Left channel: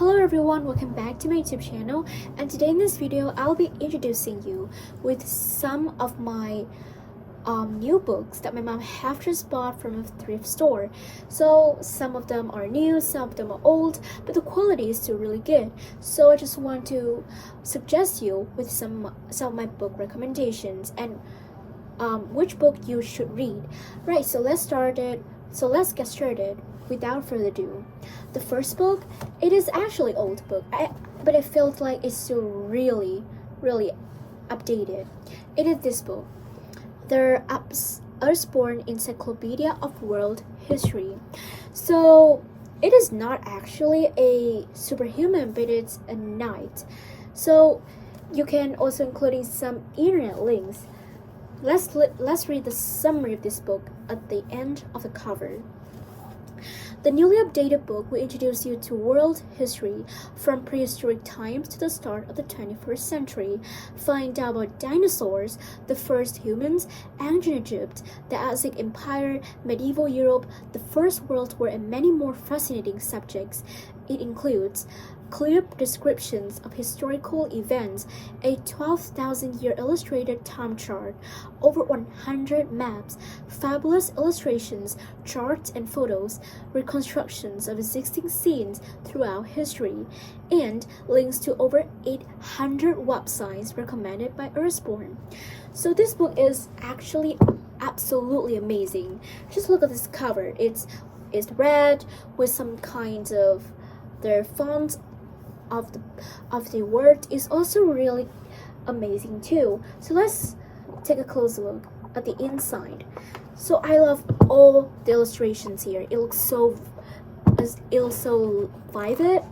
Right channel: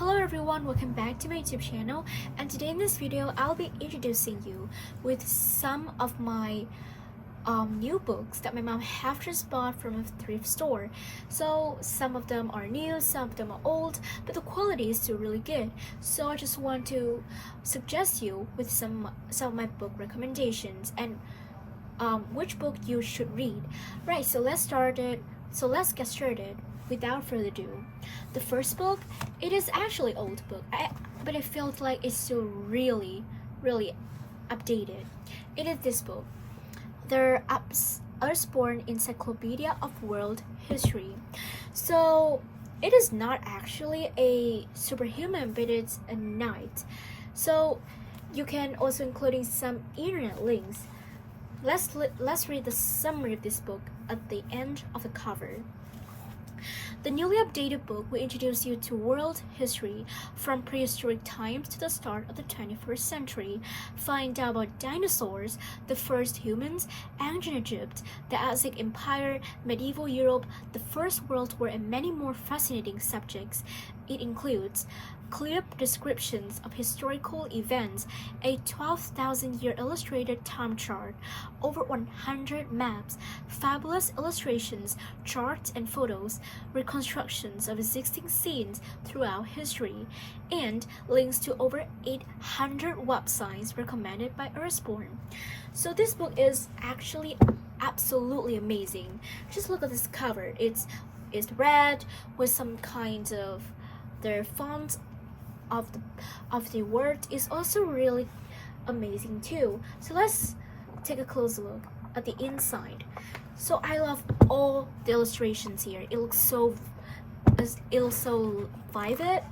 Hello everyone, welcome back to my YouTube channel, and today in this video I'll be introducing you with some of my new books that my mom have just bought from a thrift store. So some of them are new, some of them are old, but the quality is still really good. So I just want to suggest you with some of my book recommendations and which book you should read. Right, so let's get started without further ado. The first book, it is actually old book, but it feels like it's still really updated. It is this book, The Usborne Encyclopedia of World History. So it is not actually a superhuman, but it's a knight. So you can also including some internet links. Let's read the summary of this book at the end of the cover. The newly updated book will introduce you to world history from prehistoric times to the start of the 21st century. Find out about dinosaurs, the first humans, ancient Egypt, the Aztec Empire, medieval Europe, the First World War, and many more fascinating subjects. It includes clear descriptions of historical events, a 12,000-year illustrated time chart, over 100 maps, fabulous illustrations, charts and photos, reconstructions of existing scenes throughout history, and links to over 800 websites recommended by Usborne. So this book is actually absolutely amazing. Just look at this cover. It's red with some kind of their font of the word is also really amazing too. So let's take a closer look at the inside. So I love all the illustrations here. It looks so vivid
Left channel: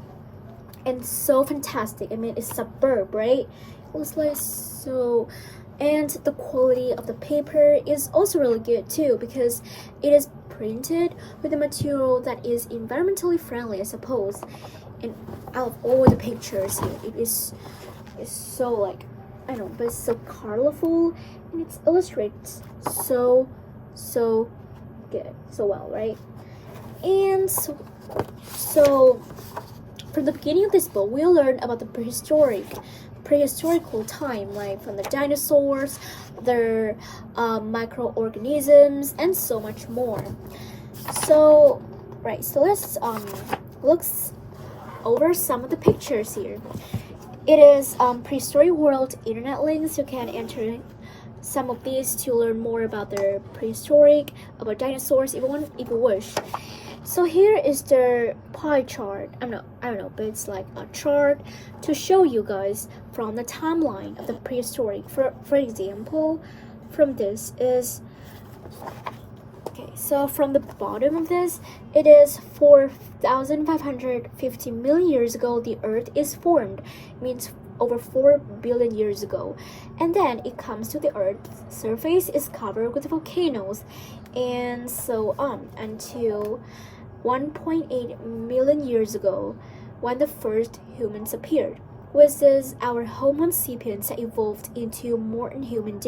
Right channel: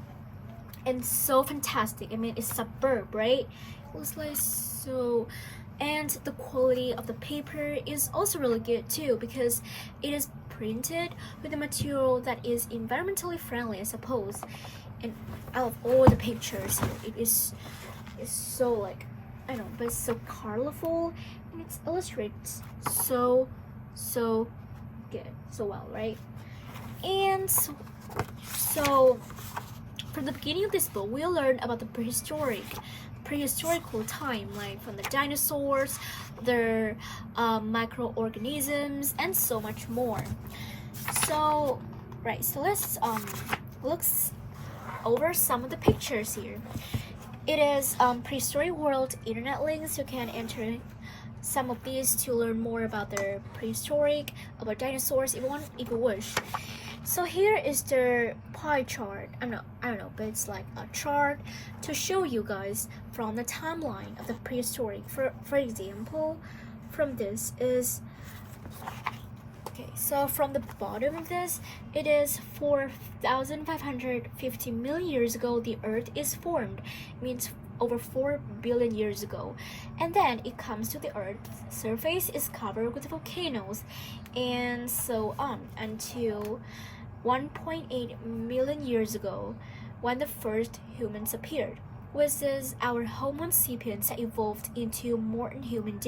and so fantastic. I mean, it's superb, right? It looks like so, and the quality of the paper is also really good too because it is printed with a material that is environmentally friendly, I suppose. And out of all the pictures here, it's so like, I don't know, but it's so colorful and it's illustrated so good, so well, right? And so from the beginning of this book, we'll learn about the prehistorical time, like from the dinosaurs, their microorganisms, and so much more. So right, so let's look over some of the pictures here. It is prehistoric world internet links. You can enter some of these to learn more about their prehistoric, about dinosaurs, if you wish. So here is their pie chart. I don't know, but it's like a chart to show you guys from the timeline of the prehistoric. For example, from this is so from the bottom of this, it is 4,550 million years ago the Earth is formed. It means over 4 billion years ago. And then it comes to the Earth's surface is covered with volcanoes and so on until 1.8 million years ago when the first humans appeared. With this, our Homo sapiens evolved into modern human.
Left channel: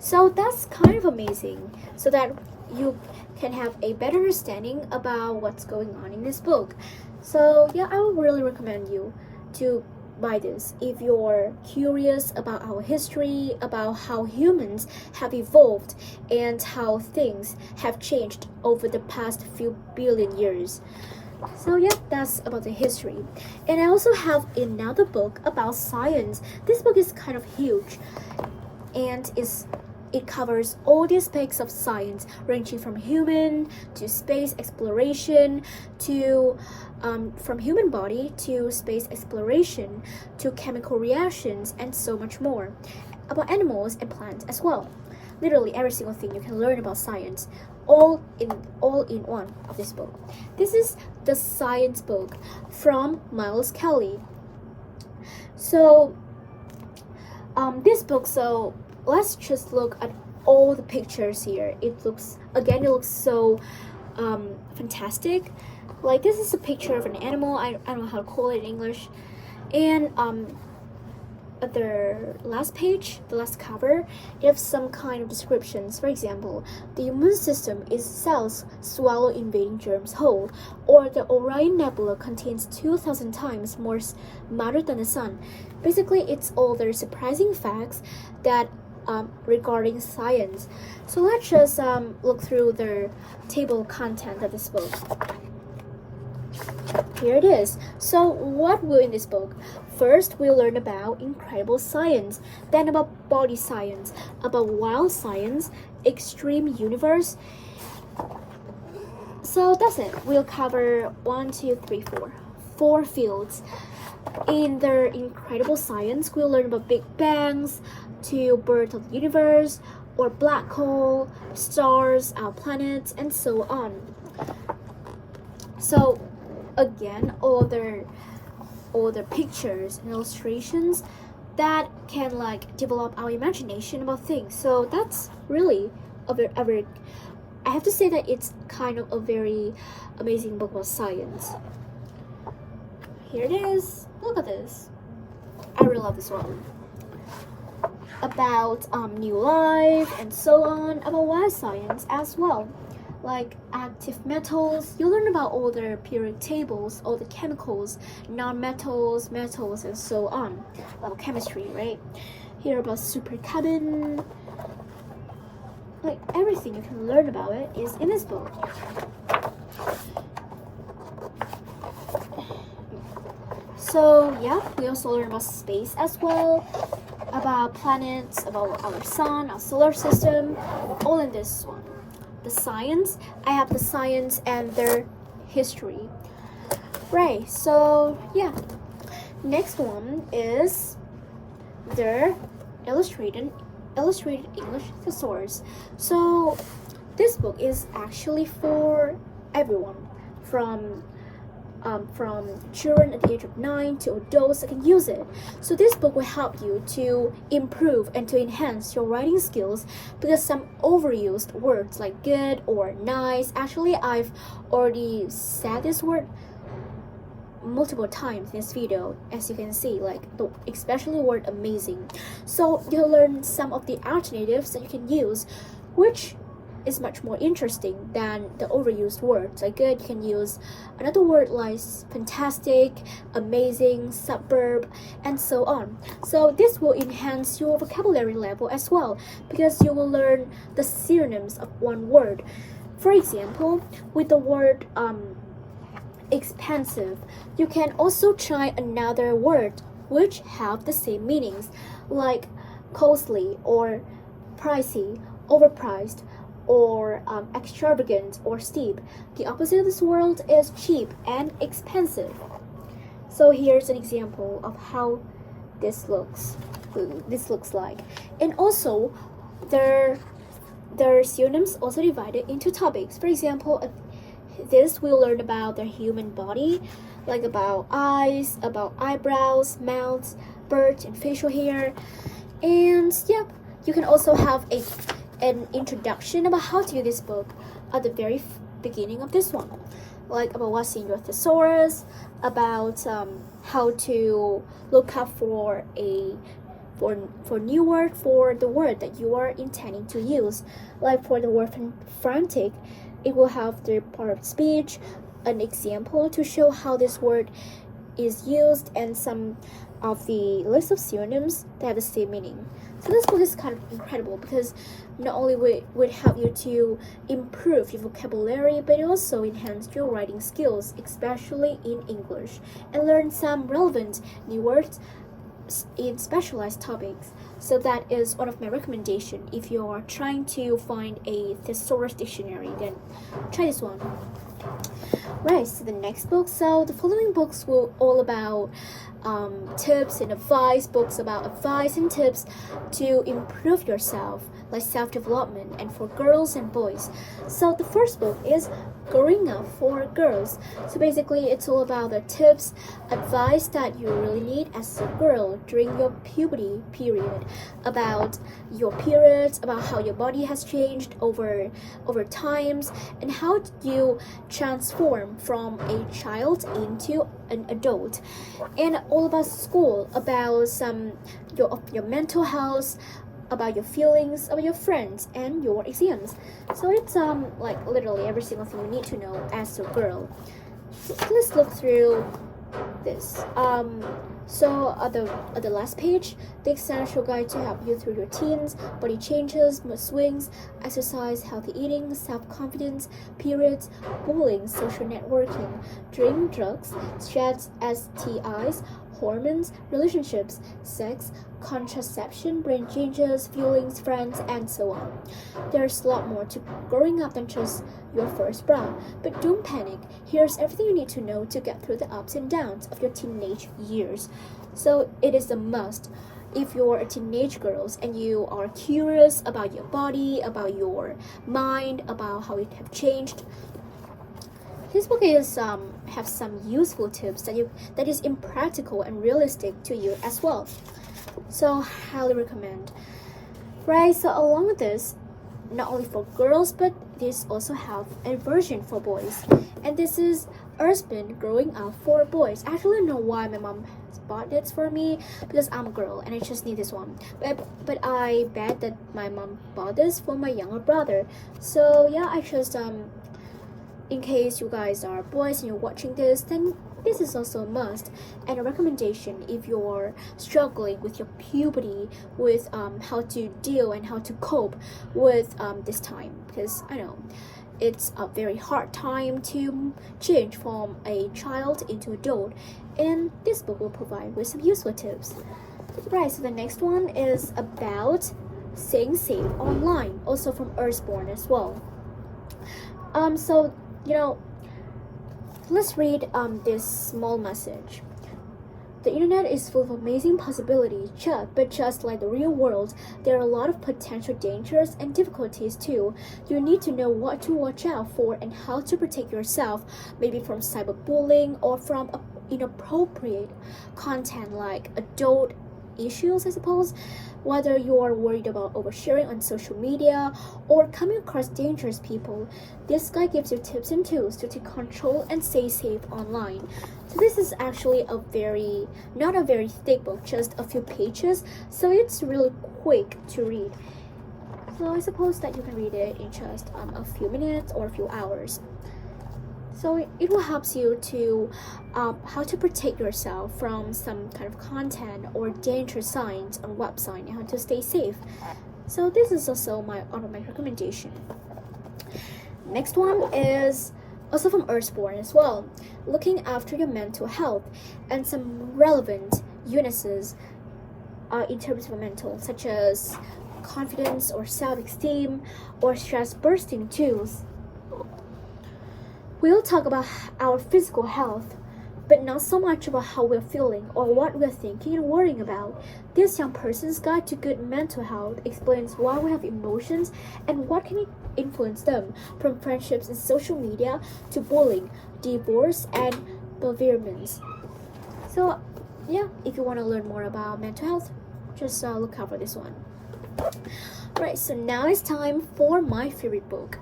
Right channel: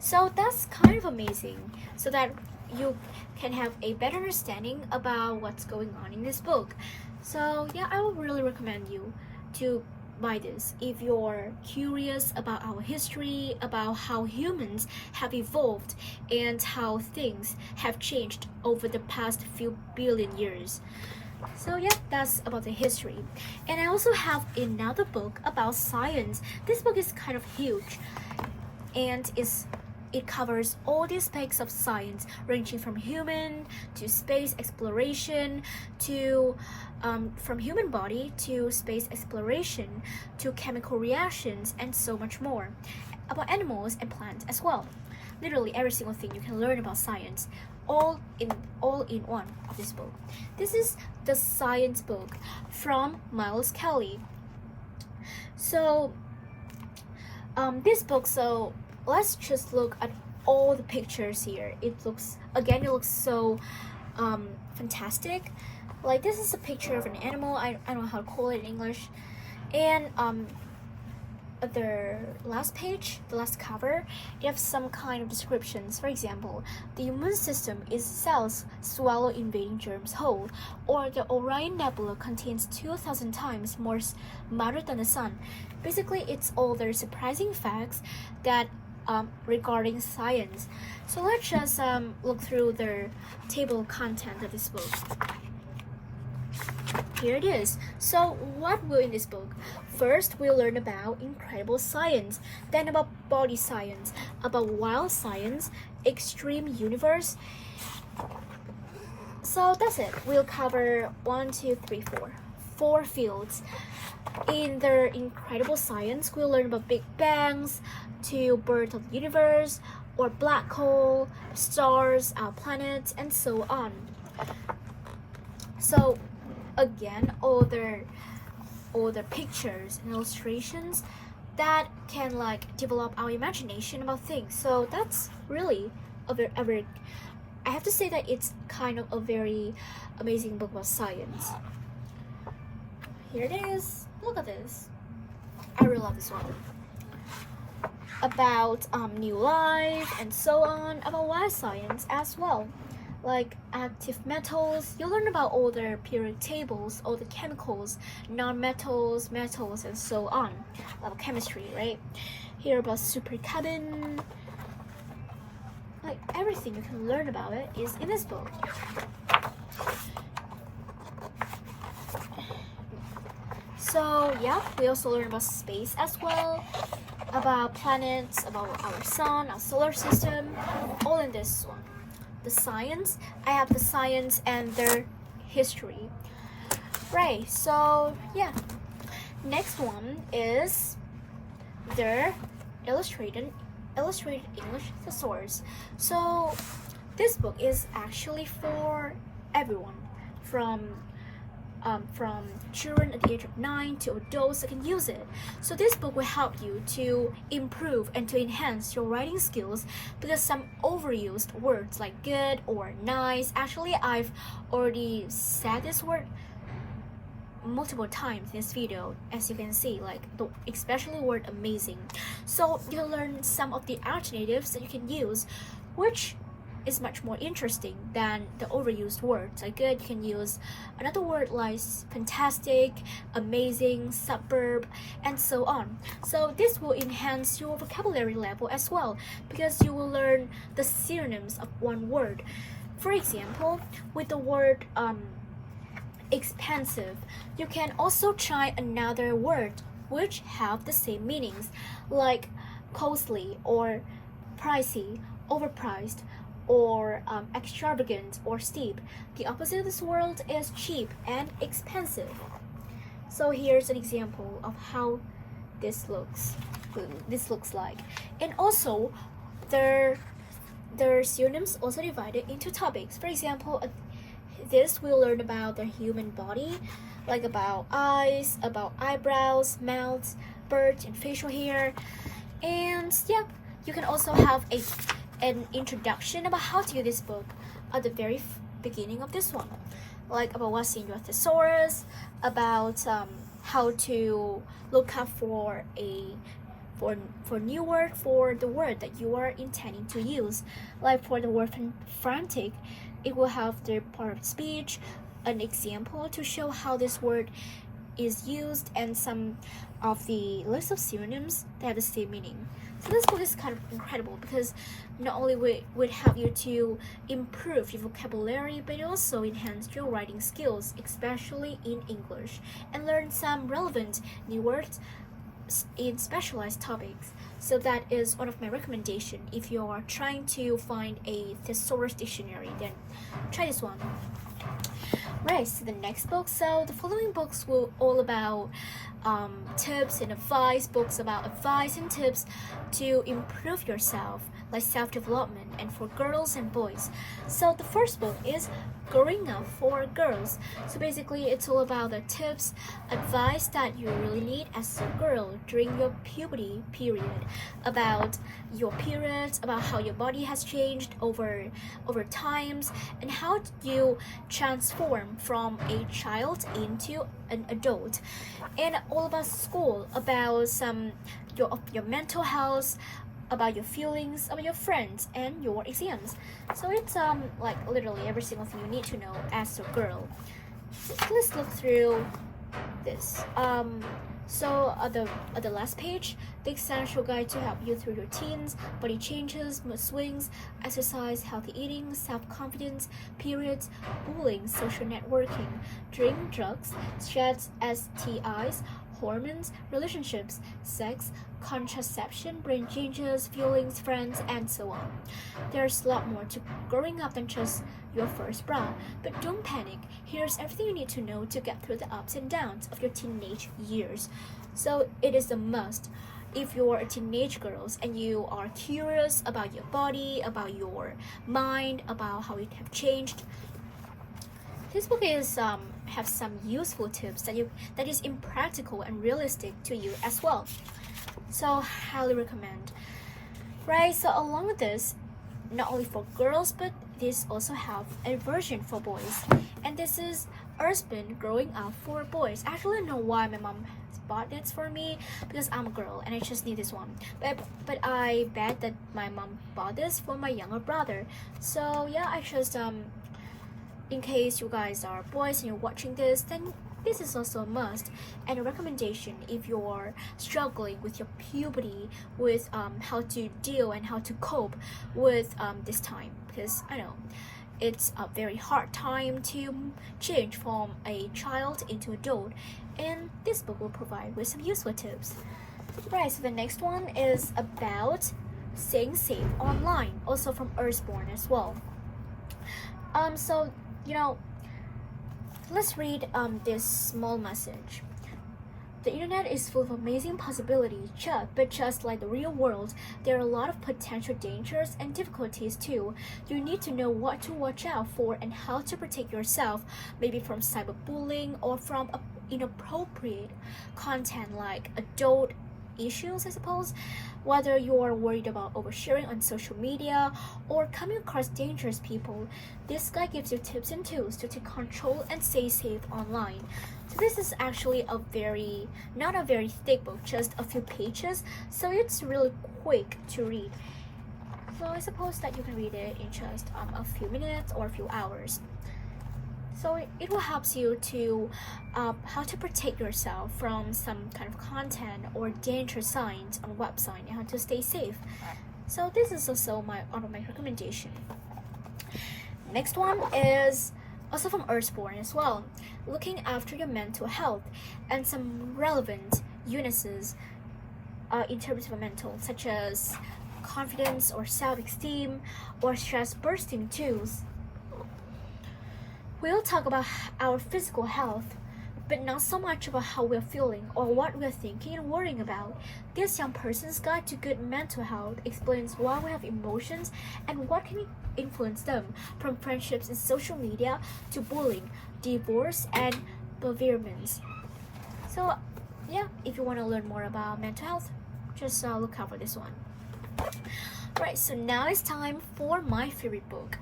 So that's kind of amazing, so that you can have a better understanding about what's going on in this book. So yeah, I would really recommend you to buy this if you're curious about our history, about how humans have evolved and how things have changed over the past few billion years. So yeah, that's about the history. And I also have another book about science. This book is kind of huge and it covers all the aspects of science, ranging from human to space exploration to from human body to space exploration to chemical reactions and so much more, about animals and plants as well. Literally every single thing you can learn about science, all in one of this book. This is the science book from Miles Kelly. So this book, so let's just look at all the pictures here. It looks so fantastic. Like this is a picture of an animal. I don't know how to call it in English. And the last page, the last cover, it has some kind of descriptions. For example, the immune system is cells swallow invading germs whole, or the Orion Nebula contains 2,000 times more matter than the sun. Basically, it's all the surprising facts that regarding science. So let's just look through the table of content of this book. Here it is. So what will in this book? First, we'll learn about incredible science, then about body science, about wild science, extreme universe. So that's it. We'll cover 4 fields. In the incredible science, we'll learn about Big Bangs, to birth of the universe, or black hole, stars, our planets, and so on. So again, all the pictures and illustrations that can like develop our imagination about things. So that's really a very I have to say that it's kind of a very amazing book about science. Here it is. Look at this. I really love this one. About new life and so on, about wild science as well. Like active metals, you learn about all the periodic tables, all the chemicals, non-metals, metals, and so on. About chemistry, right? Here about supercabin. Like everything you can learn about it is in this book. So yeah, we also learn about space as well, about planets, about our sun, our solar system, all in this one. The science, I have the science and their history. Right, so yeah. Next one is their illustrated English thesaurus. So this book is actually for everyone, from children at the age of 9 to adults that can use it. So this book will help you to improve and to enhance your writing skills, because some overused words like good or nice, actually I've already said this word multiple times in this video, as you can see, like especially the word amazing. So you'll learn some of the alternatives that you can use, which is much more interesting than the overused words. Like good, you can use another word like fantastic, amazing, suburb, and so on. So this will enhance your vocabulary level as well, because you will learn the synonyms of one word. For example, with the word expensive, you can also try another word which have the same meanings, like costly or pricey, overpriced, or extravagant or steep. The opposite of this word is cheap and expensive. So here's an example of how this looks like. And also their synonyms also divided into topics. For example, this we'll learn about the human body, like about eyes, about eyebrows, mouths, bird and facial hair. And yeah, you can also have an introduction about how to use this book at the very beginning of this one, like about what's in your thesaurus, about how to look up for new word for the word that you are intending to use. Like for the word frantic, it will have the part of speech, an example to show how this word is used, and some of the list of synonyms that have the same meaning. So this book is kind of incredible, because not only would help you to improve your vocabulary, but it also enhance your writing skills, especially in English, and learn some relevant new words in specialized topics. So that is one of my recommendations. If you are trying to find a thesaurus dictionary, then try this one. Right, so the next book. So the following books will all about tips and advice, books about advice and tips to improve yourself, like self-development, and for girls and boys. So the first book is Growing Up for Girls. So basically it's all about the tips, advice that you really need as a girl during your puberty period, about your periods, about how your body has changed over times, and how you transform from a child into an adult. And all about school, about some your mental health, about your feelings, about your friends, and your exams. So it's like literally every single thing you need to know as a girl. So let's look through this. So at the last page, the essential guide to help you through your teens, body changes, mood swings, exercise, healthy eating, self-confidence, periods, bullying, social networking, drink, drugs, stress, STIs, hormones, relationships, sex, contraception, brain changes, feelings, friends, and so on. There's a lot more to growing up than just your first bra, but don't panic. Here's everything you need to know to get through the ups and downs of your teenage years. So it is a must. If you're a teenage girl and you are curious about your body, about your mind, about how it have changed, this book is have some useful tips that is impractical and realistic to you as well. So highly recommend. Right, so along with this, not only for girls, but this also have a version for boys. And this is Earthbend Growing Up for Boys. I actually don't know why my mom bought this for me, because I'm a girl and I just need this one. But I bet that my mom bought this for my younger brother. So yeah, I just in case you guys are boys and you're watching this, then this is also a must and a recommendation if you're struggling with your puberty, with how to deal and how to cope with this time, because I know it's a very hard time to change from a child into adult, and this book will provide with some useful tips. Right, so the next one is about staying safe online, also from Earthborn as well. So let's read this small message. The internet is full of amazing possibilities, but just like the real world, there are a lot of potential dangers and difficulties too. You need to know what to watch out for and how to protect yourself, maybe from cyberbullying or from inappropriate content like adult issues, I suppose. Whether you're worried about oversharing on social media or coming across dangerous people, this guide gives you tips and tools to take control and stay safe online. So this is actually not a very thick book, just a few pages, so it's really quick to read. So I suppose that you can read it in just a few minutes or a few hours. So it will help you to how to protect yourself from some kind of content or danger signs on website and how to stay safe. So this is also my recommendation. Next one is also from Earthborn as well, looking after your mental health and some relevant uses in terms of mental, such as confidence or self-esteem or stress bursting tools. We'll talk about our physical health, but not so much about how we're feeling or what we're thinking and worrying about. This Young Person's Guide to Good Mental Health explains why we have emotions and what can influence them, from friendships and social media to bullying, divorce, and bereavements. So yeah, if you want to learn more about mental health, just look out for this one. Right, so now it's time for my favorite book.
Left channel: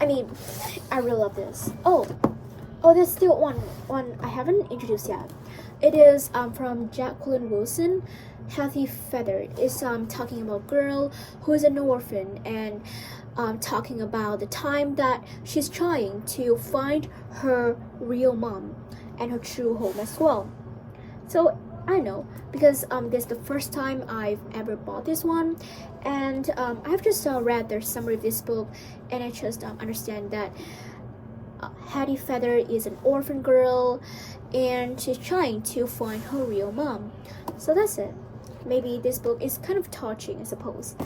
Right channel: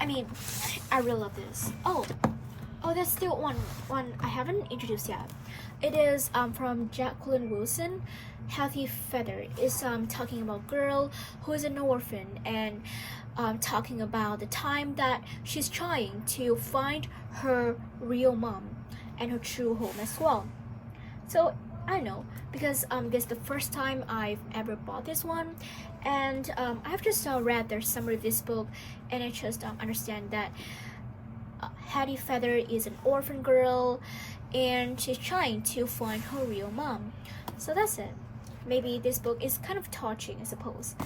I really love this. Oh, there's still one I haven't introduced yet. It is from Jacqueline Wilson, Healthy Feather. It's talking about a girl who is an orphan and talking about the time that she's trying to find her real mom and her true home as well. So I know, because this is the first time I've ever bought this one, and I've just read the summary of this book, and I just understand that Hattie Feather is an orphan girl, and she's trying to find her real mom. So that's it. Maybe this book is kind of touching, I suppose.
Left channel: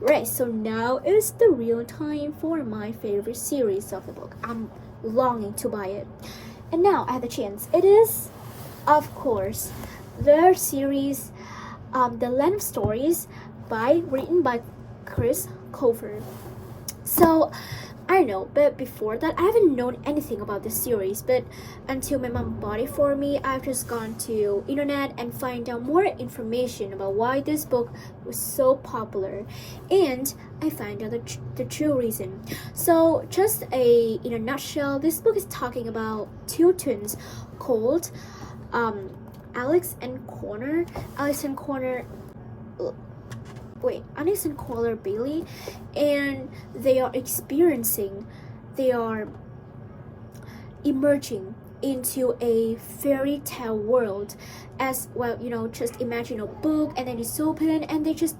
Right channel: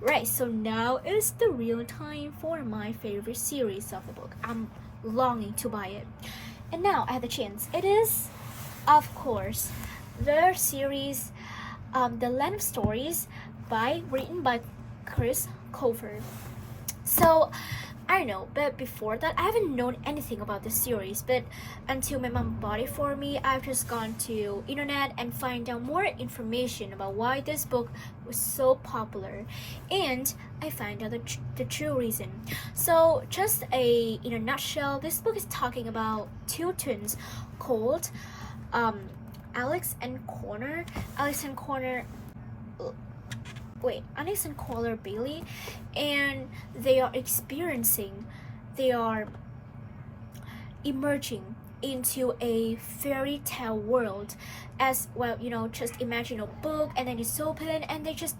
Right, so now is the real time for my favorite series of the book. I'm longing to buy it. And now I have the chance. It is, of course, the series The Land of Stories written by Chris Colfer. So I don't know, but before that I haven't known anything about this series, but until my mom bought it for me, I've just gone to internet and find out more information about why this book was so popular, and I find out the true reason. So just in a nutshell, this book is talking about two twins called Alex and Connor. Alex and Connor Bailey, and they are emerging into a fairy tale world. As well, just imagine a book and then it's open and they just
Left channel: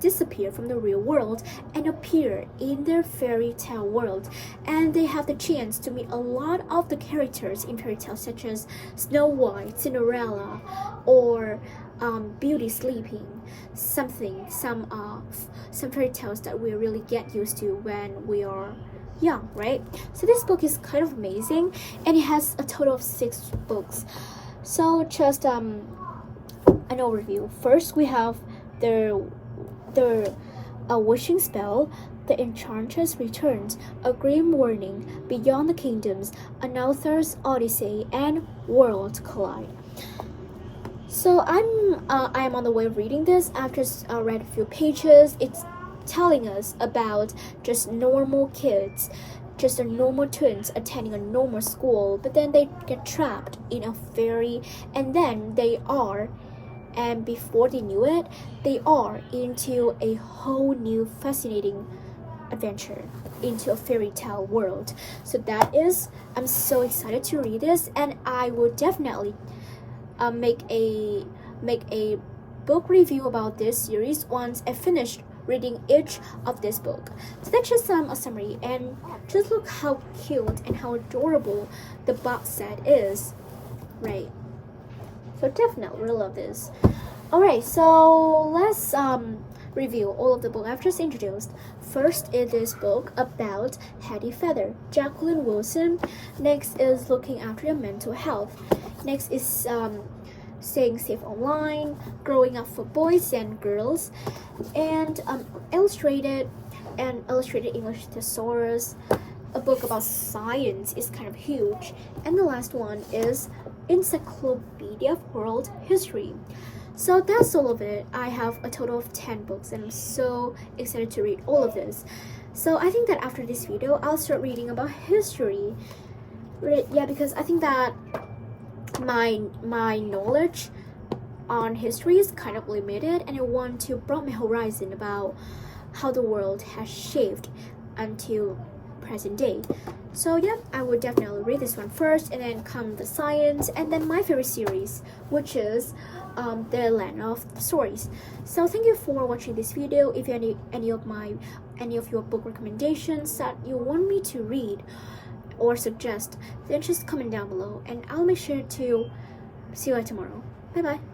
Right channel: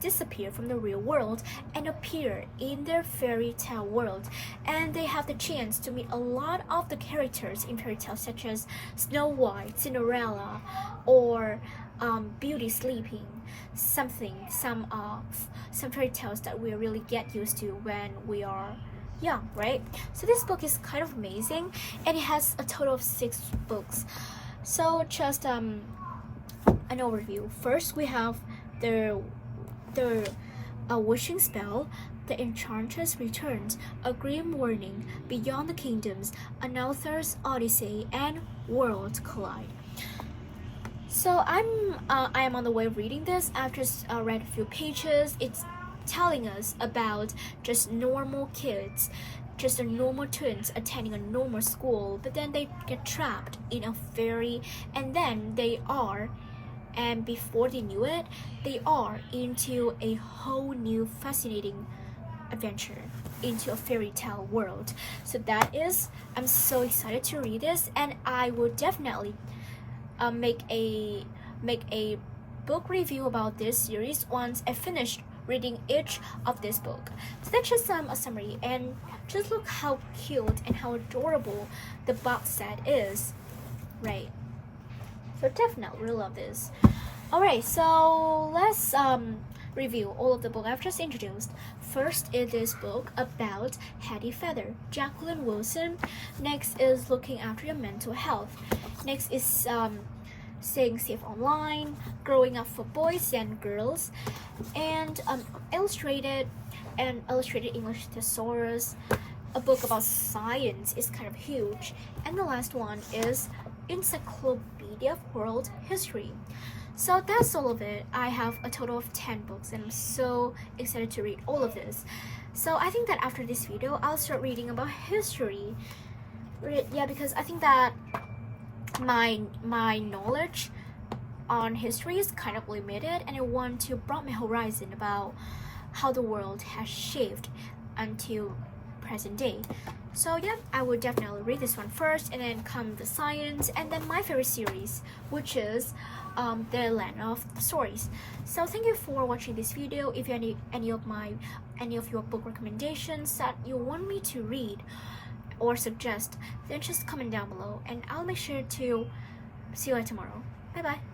disappear from the real world and appear in their fairy tale world, and they have the chance to meet a lot of the characters in fairy tales, such as Snow White, Cinderella, or Beauty Sleeping. Some fairy tales that we really get used to when we are young, right? So this book is kind of amazing, and it has a total of 6 books. So just an overview. First, we have a wishing spell, the enchantress returns, a grim warning, beyond the kingdoms, an author's odyssey, and worlds collide. So I am on the way of reading this. I've just read a few pages. It's telling us about just normal kids, just a normal twins attending a normal school, but then they get trapped in a fairy, and then and before they knew it, they are into a whole new fascinating adventure into a fairy tale world. So I'm so excited to read this, and I will definitely make a book review about this series once I finish reading each of this book. So that's just a summary, and just look how cute and how adorable the box set is, right? So definitely really love this. Alright, so let's review all of the book I've just introduced. First is this book about Hetty Feather, Jacqueline Wilson. Next is Looking After Your Mental Health. Next is Staying Safe Online, Growing Up for Boys and Girls, and Illustrated English Thesaurus. A book about science is kind of huge. And the last one is Encyclopedia of World History. So that's all of it. I have a total of 10 books, and I'm so excited to read all of this. So I think that after this video, I'll start reading about history. Yeah, because I think that my knowledge on history is kind of limited, and I want to broaden my horizon about how the world has shaped until present day. So yeah, I would definitely read this one first, and then come the science, and then my favorite series, which is the Land of Stories. So thank you for watching this video. If you have any of your book recommendations that you want me to read or suggest, then just comment down below, and I'll make sure to see you tomorrow. Bye bye.